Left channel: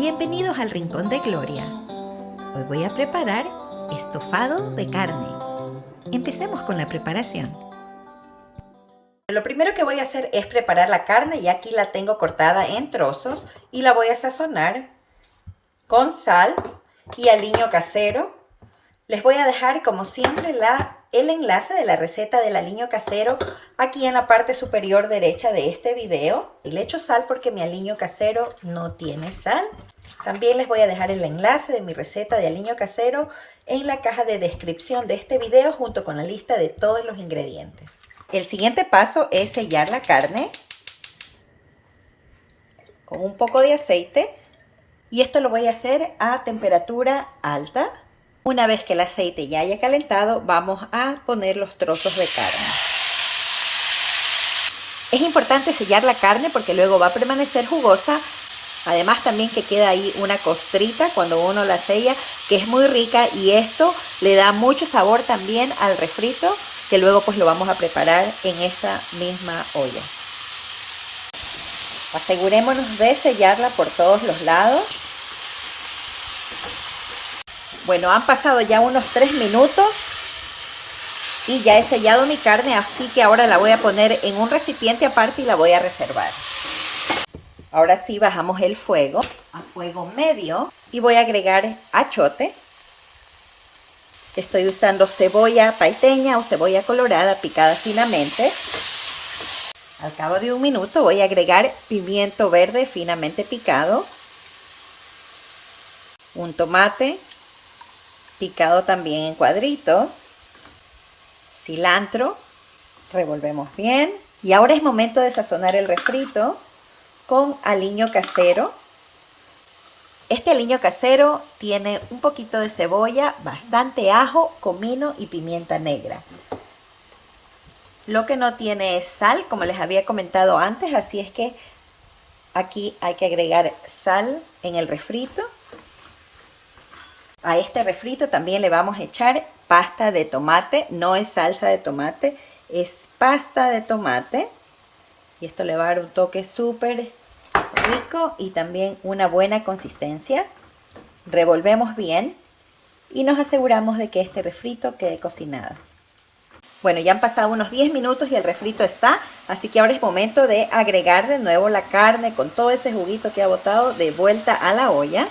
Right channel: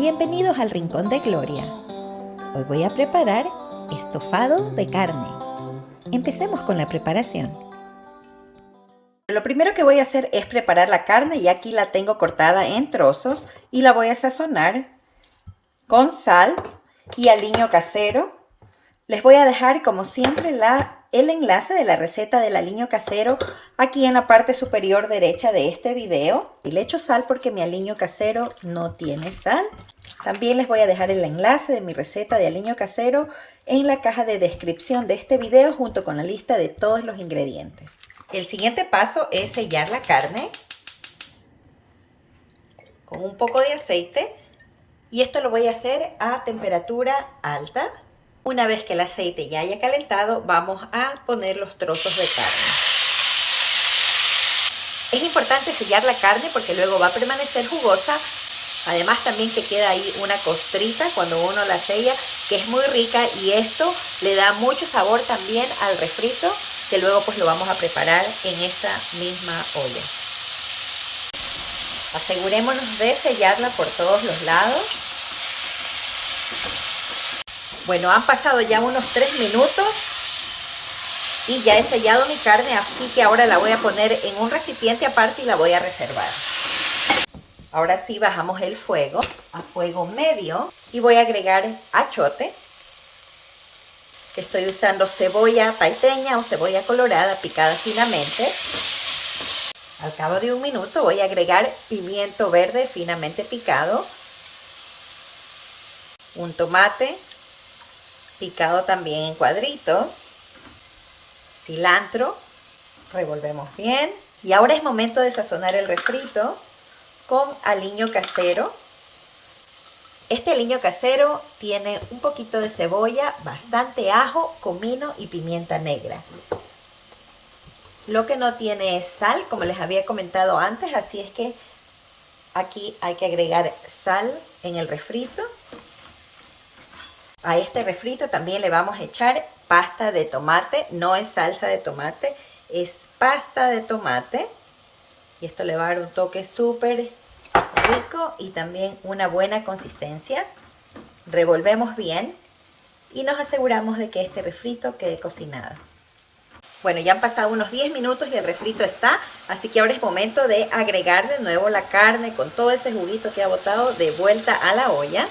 Bienvenidos al Rincón de Gloria. Hoy voy a preparar estofado de carne. Empecemos con la preparación. Lo primero que voy a hacer es preparar la carne y aquí la tengo cortada en trozos y la voy a sazonar con sal y aliño casero. Les voy a dejar como siempre el enlace de la receta del aliño casero aquí en la parte superior derecha de este video. Y le echo sal porque mi aliño casero no tiene sal. También les voy a dejar el enlace de mi receta de aliño casero en la caja de descripción de este video junto con la lista de todos los ingredientes. El siguiente paso es sellar la carne con un poco de aceite y esto lo voy a hacer a temperatura alta. Una vez que el aceite ya haya calentado, vamos a poner los trozos de carne. Es importante sellar la carne porque luego va a permanecer jugosa. Además también que queda ahí una costrita cuando uno la sella, que es muy rica y esto le da mucho sabor también al refrito, que luego pues lo vamos a preparar en esta misma olla. Asegurémonos de sellarla por todos los lados. Bueno, han pasado ya unos 3 minutos y ya he sellado mi carne, así que ahora la voy a poner en un recipiente aparte y la voy a reservar. Ahora sí bajamos el fuego a fuego medio y voy a agregar achiote. Estoy usando cebolla paiteña o cebolla colorada picada finamente. Al cabo de un minuto voy a agregar pimiento verde finamente picado. Un tomate picado también en cuadritos. Cilantro. Revolvemos bien. Y ahora es momento de sazonar el refrito con aliño casero. Este aliño casero tiene un poquito de cebolla, bastante ajo, comino y pimienta negra. Lo que no tiene es sal, como les había comentado antes, así es que aquí hay que agregar sal en el refrito. A este refrito también le vamos a echar pasta de tomate, no es salsa de tomate, es pasta de tomate. Y esto le va a dar un toque súper rico y también una buena consistencia. Revolvemos bien y nos aseguramos de que este refrito quede cocinado. Bueno, ya han pasado unos 10 minutos y el refrito está, así que ahora es momento de agregar de nuevo la carne con todo ese juguito que ha botado de vuelta a la olla.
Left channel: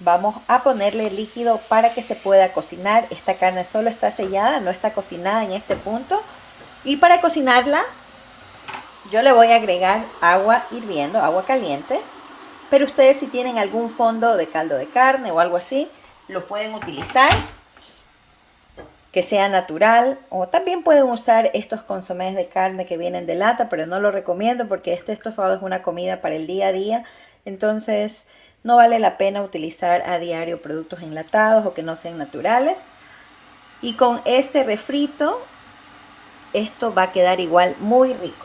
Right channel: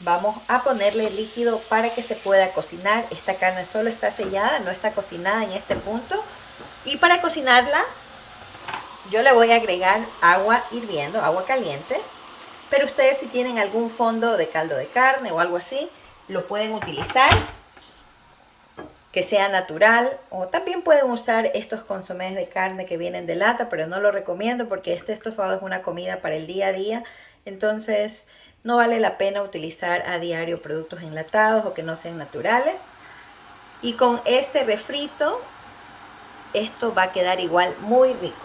Vamos a ponerle líquido para que se pueda cocinar. Esta carne solo está sellada, no está cocinada en este punto. Y para cocinarla yo le voy a agregar agua hirviendo, agua caliente. Pero ustedes si tienen algún fondo de caldo de carne o algo así, lo pueden utilizar, que sea natural. O también pueden usar estos consomés de carne que vienen de lata, pero no lo recomiendo porque este estofado es una comida para el día a día. Entonces no vale la pena utilizar a diario productos enlatados o que no sean naturales. Y con este refrito, esto va a quedar igual muy rico.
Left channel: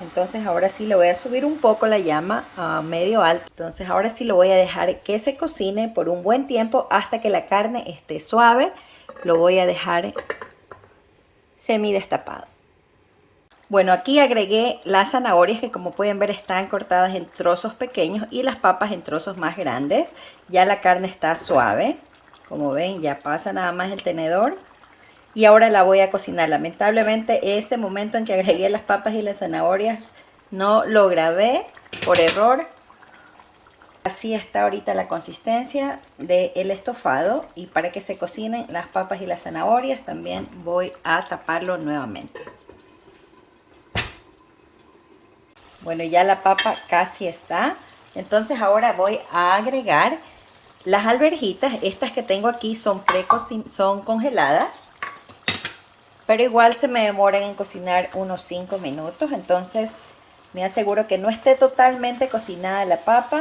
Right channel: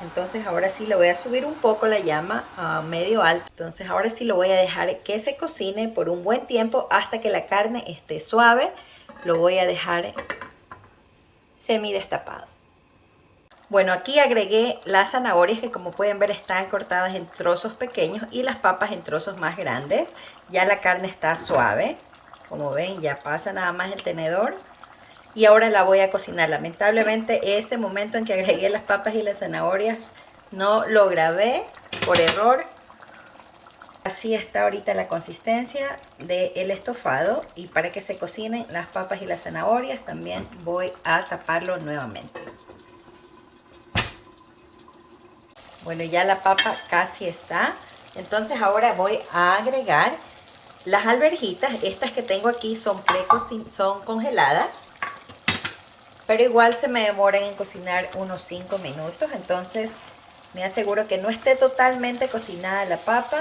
Entonces ahora sí le voy a subir un poco la llama a medio alto. Entonces ahora sí lo voy a dejar que se cocine por un buen tiempo hasta que la carne esté suave. Lo voy a dejar semidestapado. Bueno, aquí agregué las zanahorias que como pueden ver están cortadas en trozos pequeños y las papas en trozos más grandes. Ya la carne está suave. Como ven, ya pasa nada más el tenedor. Y ahora la voy a cocinar. Lamentablemente ese momento en que agregué las papas y las zanahorias no lo grabé por error. Así está ahorita la consistencia del estofado. Y para que se cocinen las papas y las zanahorias también voy a taparlo nuevamente. Bueno, ya la papa casi está. Entonces ahora voy a agregar las alverjitas. Estas que tengo aquí son congeladas. Pero igual se me demoran en cocinar unos 5 minutos. Entonces me aseguro que no esté totalmente cocinada la papa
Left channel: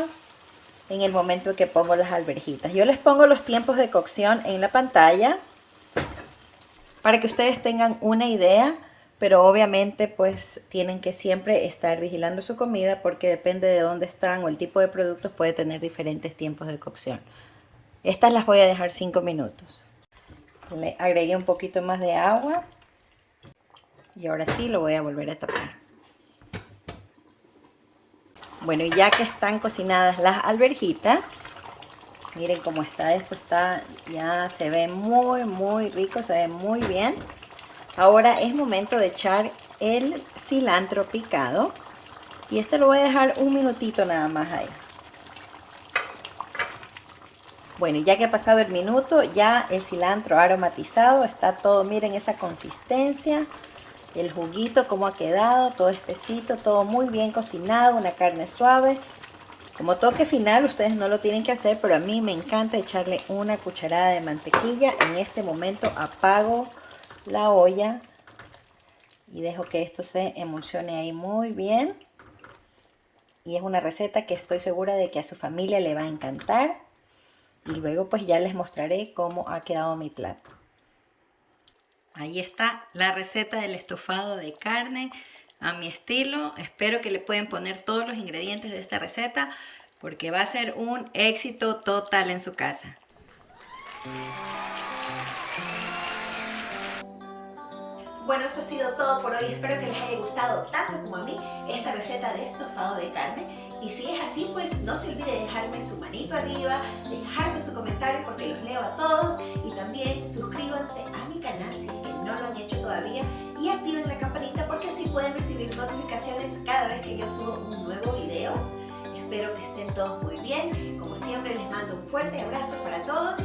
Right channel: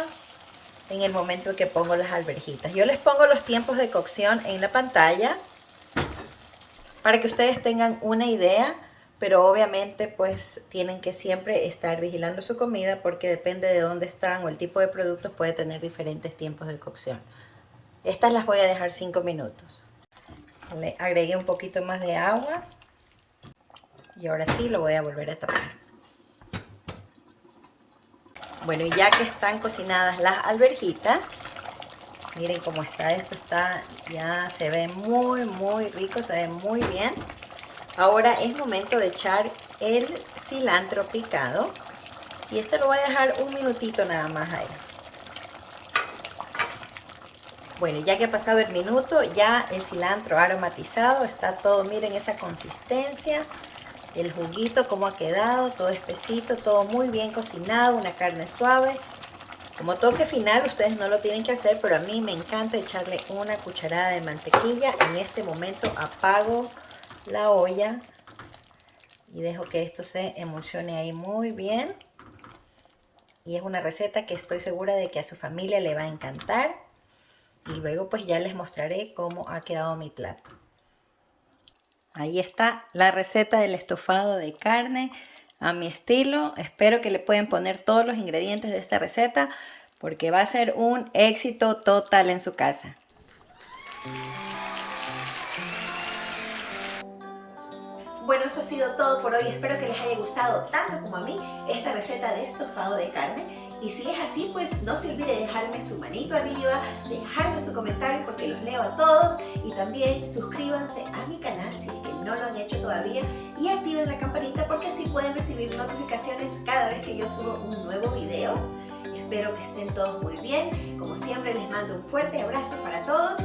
en el momento en que pongo las alverjitas. Yo les pongo los tiempos de cocción en la pantalla para que ustedes tengan una idea. Pero obviamente pues tienen que siempre estar vigilando su comida porque depende de dónde están o el tipo de productos puede tener diferentes tiempos de cocción. Estas las voy a dejar 5 minutos. Le agregué un poquito más de agua. Y ahora sí lo voy a volver a tapar. Bueno, y ya que están cocinadas las alverjitas, miren cómo está, esto está, ya se ve muy rico, se ve muy bien. Ahora es momento de echar el cilantro picado y este lo voy a dejar un minutito nada más ahí. Bueno, ya que ha pasado el minuto, ya el cilantro aromatizado, está todo, miren esa consistencia, el juguito cómo ha quedado, todo espesito, todo muy bien cocinado, una carne suave. Como toque final, ustedes no lo tienen que hacer, pero a mí me encanta echarle una cucharada de mantequilla. En este momento apago la olla y dejo que esto se emulsione ahí muy bien. Y es una receta que estoy segura de que a su familia le va a encantar. Y luego pues ya les mostraré cómo ha quedado mi plato. Ahí está la receta del estofado de carne a mi estilo. Espero que le puedan poner todos los ingredientes de esta receta porque va a ser un éxito total en su casa. Bueno, eso ha sido todo por hoy. Espero que les haya gustado tanto como a mí esta receta de estofado de carne. Y si es así, pues no se olvide de dejarme su manito arriba, dejarme su comentario porque los leo a todos. Y también suscríbanse a mi canal si es que no lo han hecho todavía. Y activen la campanita porque así pueden recibir notificaciones cada vez que yo subo un nuevo video. Espero que estén todos muy bien. Como siempre, les mando un fuerte abrazo para todos.